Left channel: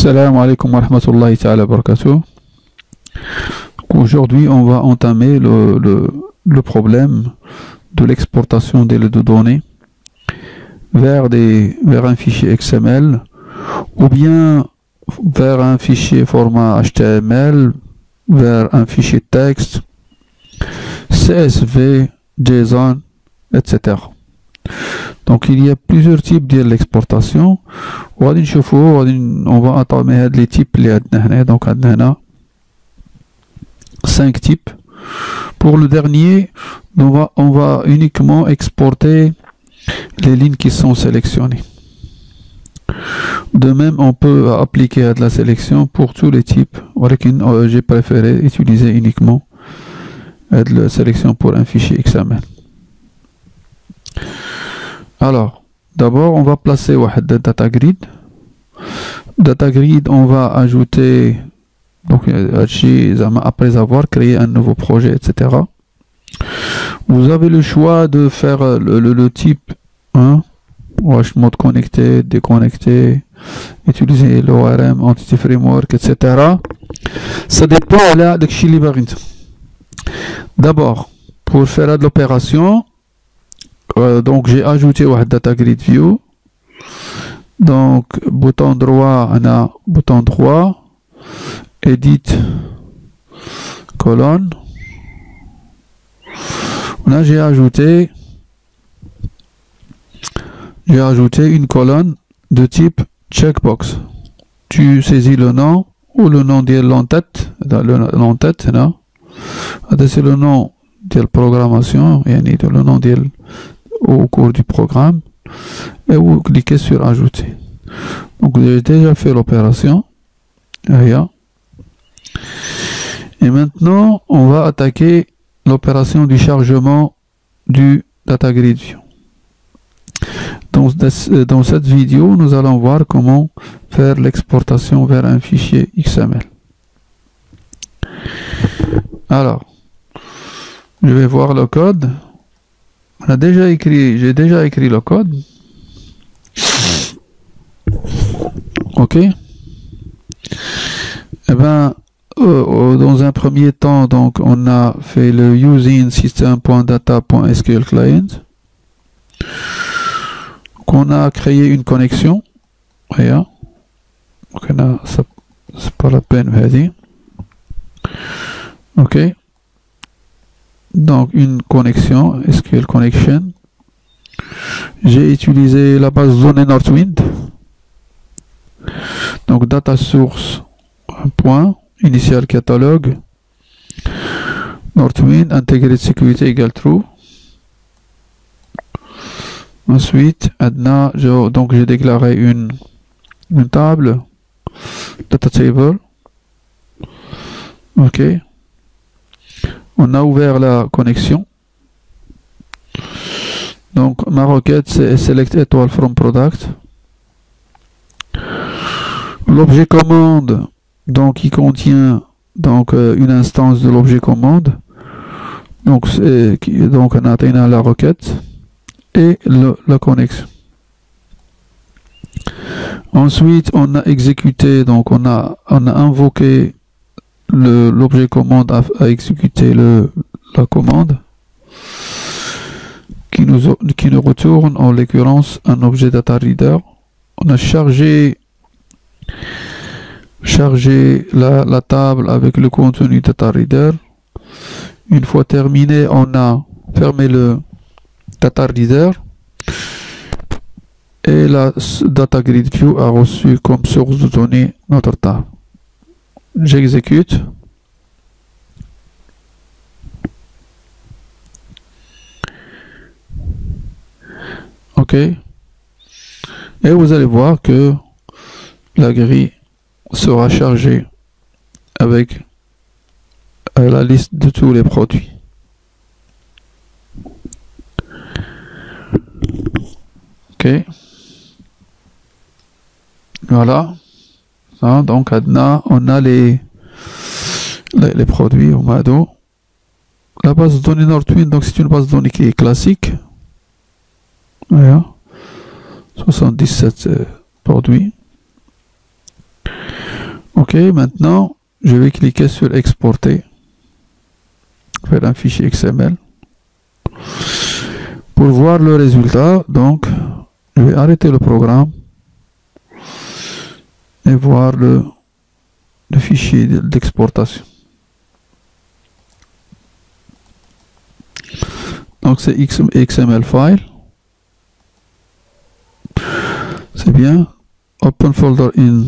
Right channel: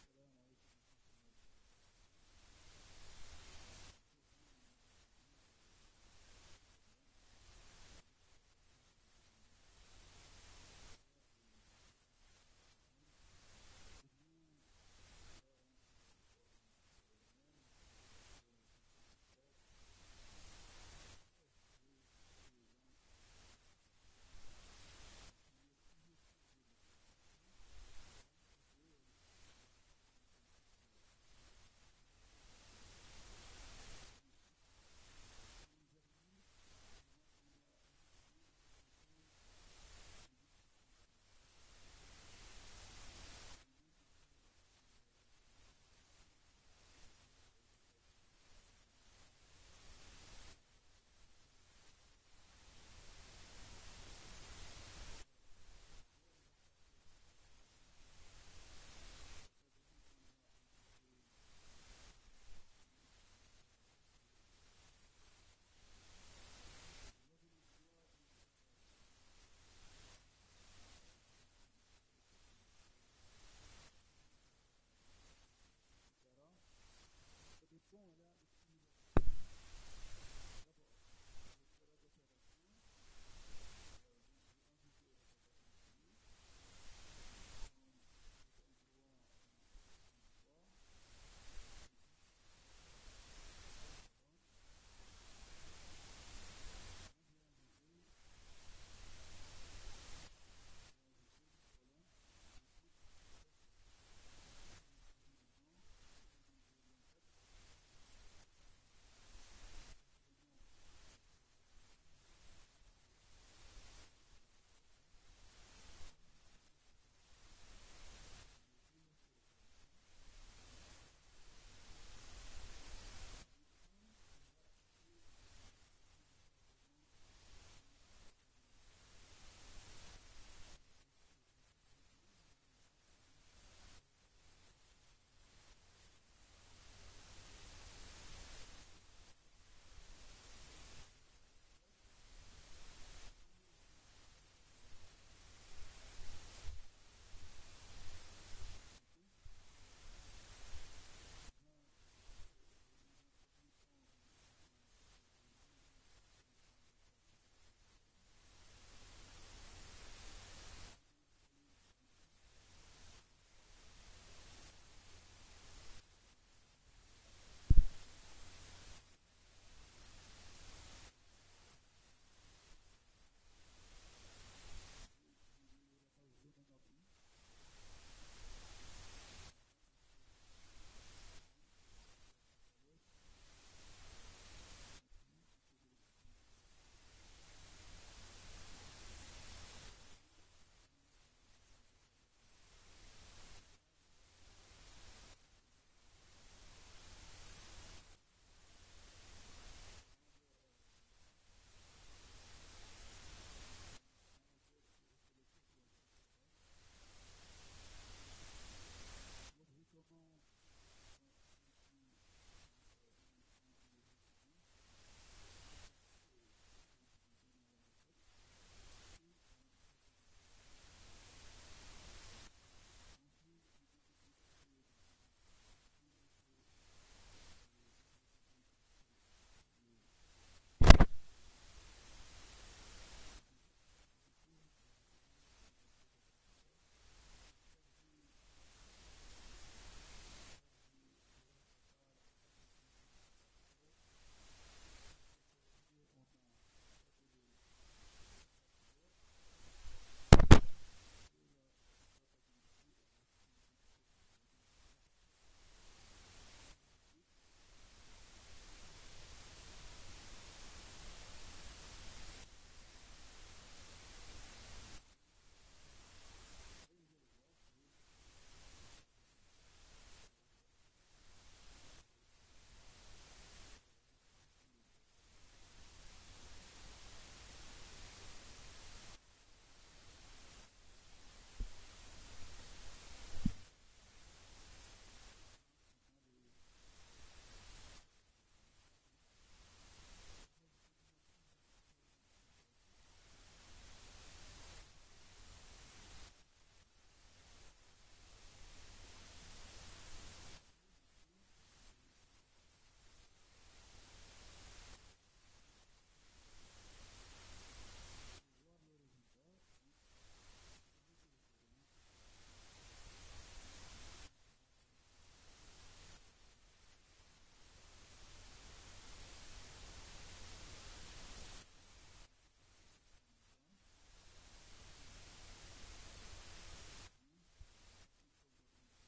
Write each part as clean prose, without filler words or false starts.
Salam alaikum wa rahmatullahi ta'ala wa barakatuh. Aujourd'hui, on va entamer le problème de l'exportation des données vers un fichier XML ou bien vers un fichier format HTML, vers un fichier texte, CSV, JSON, etc. Donc il y a plusieurs types de l'exportation. On va entamer les types. Donc on a 5 types. Pour le dernier, on va uniquement exporter les lignes qui sont sélectionnées. De même, on peut appliquer de la sélection pour tous les types. J'ai préféré utiliser uniquement de la sélection pour un fichier XML. Alors, d'abord, on va placer le data grid. Data grid, on va ajouter, donc, après avoir créé un nouveau projet, etc. Vous avez le choix de faire le type 1, mode connecté, déconnecté, utiliser l'ORM, Entity Framework, etc. Ça dépend là de ce que d'abord, pour faire de l'opération, donc j'ai ajouté un data grid view. Donc bouton droit, on a bouton droit, edit, colonne. Là j'ai ajouté une colonne de type checkbox. Tu saisis le nom ou le nom de l'entête, là. C'est le nom de la programmation, le nom au cours du programme, et vous cliquez sur ajouter. Donc j'ai déjà fait l'opération. Et maintenant on va attaquer l'opération du chargement du data grid view. Dans cette vidéo, nous allons voir comment faire l'exportation vers un fichier XML. Alors, je vais voir le code. J'ai déjà écrit le code. Ok. Eh ben, dans un premier temps, donc, on a fait le using system.data.sql client. On a créé une connexion. Donc, c'est pas la peine, vas-y. Ok. Donc une connexion, SQL connection. J'ai utilisé la base de données Northwind. Donc data source point initial catalogue Northwind integrated security égale true. Ensuite, donc j'ai déclaré une table data table. Ok. On a ouvert la connexion. Donc ma requête c'est select étoile from product. L'objet commande, donc il contient donc une instance de l'objet commande. Donc on a atteint la requête et la connexion. Ensuite on a exécuté, donc on a invoqué l'objet commande à exécuter la commande qui nous retourne en l'occurrence un objet data reader. On a chargé la table avec le contenu data reader. Une fois terminé, on a fermé le data reader et la data grid view a reçu comme source de données notre table. J'exécute. Ok. Et vous allez voir que la grille sera chargée avec la liste de tous les produits. Ok. Voilà. Donc on a les produits au Mado. La base de données Northwind, donc c'est une base de données qui est classique. Voilà. 77 produits. Ok, maintenant, je vais cliquer sur exporter vers un fichier XML. Pour voir le résultat, donc, je vais arrêter le programme et voir le fichier d'exportation. Donc, c'est XML file. C'est bien. Open folder in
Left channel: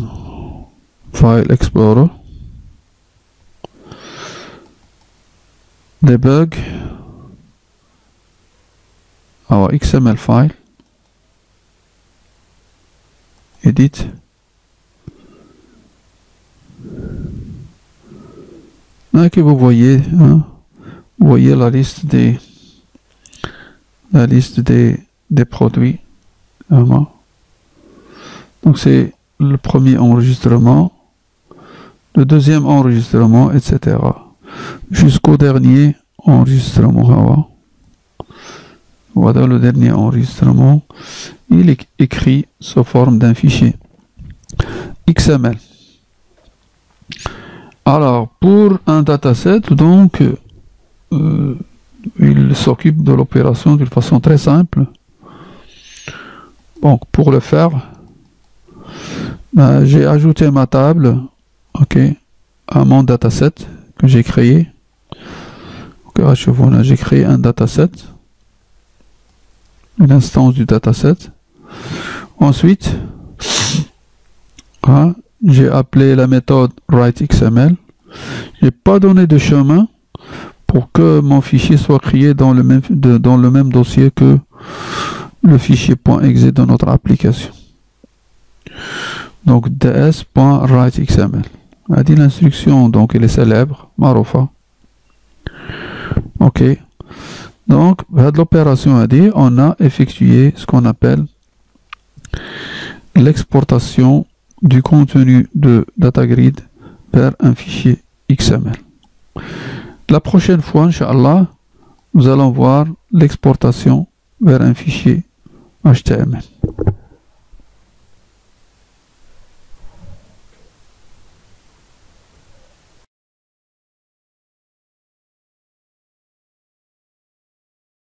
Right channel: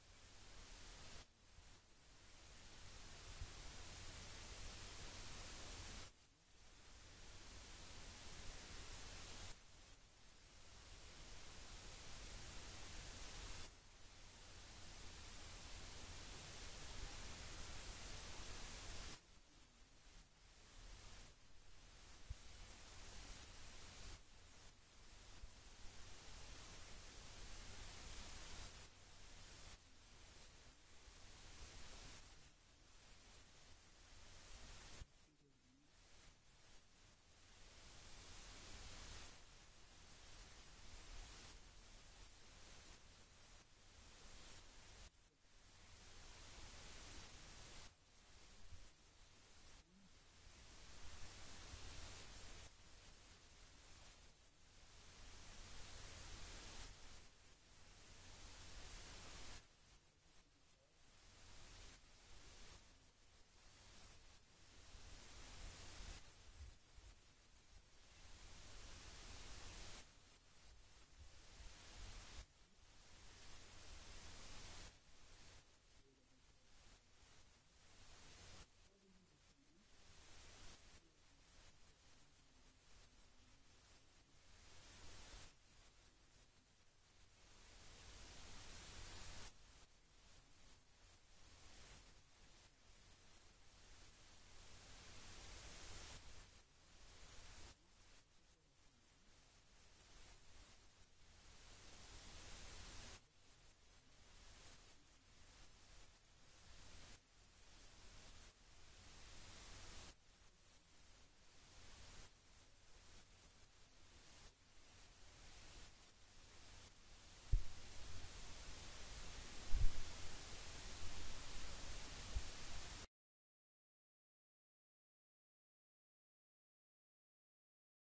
File Explorer. Debug. Our XML file. Edit. Là que vous voyez, hein, vous voyez la liste des produits. Vraiment. Donc c'est le premier enregistrement, le deuxième enregistrement, etc. Jusqu'au dernier enregistrement. Voilà le dernier enregistrement. Il est écrit sous forme d'un fichier XML. Alors, pour un dataset, donc, il s'occupe de l'opération d'une façon très simple. Donc, pour le faire, j'ai ajouté ma table, ok, à mon dataset que j'ai créé. Voilà, j'ai créé un dataset, une instance du dataset. Ensuite, hein, j'ai appelé la méthode writeXML. Je n'ai pas donné de chemin pour que mon fichier soit créé dans le même dossier que le fichier .exe de notre application. Donc ds.writeXML. A dit l'instruction, donc elle est célèbre, Marufa. Ok. Donc, de l'opération a dit, on a effectué ce qu'on appelle l'exportation du contenu de DataGrid vers un fichier XML. La prochaine fois, Inch'Allah, nous allons voir l'exportation vers un fichier HTML.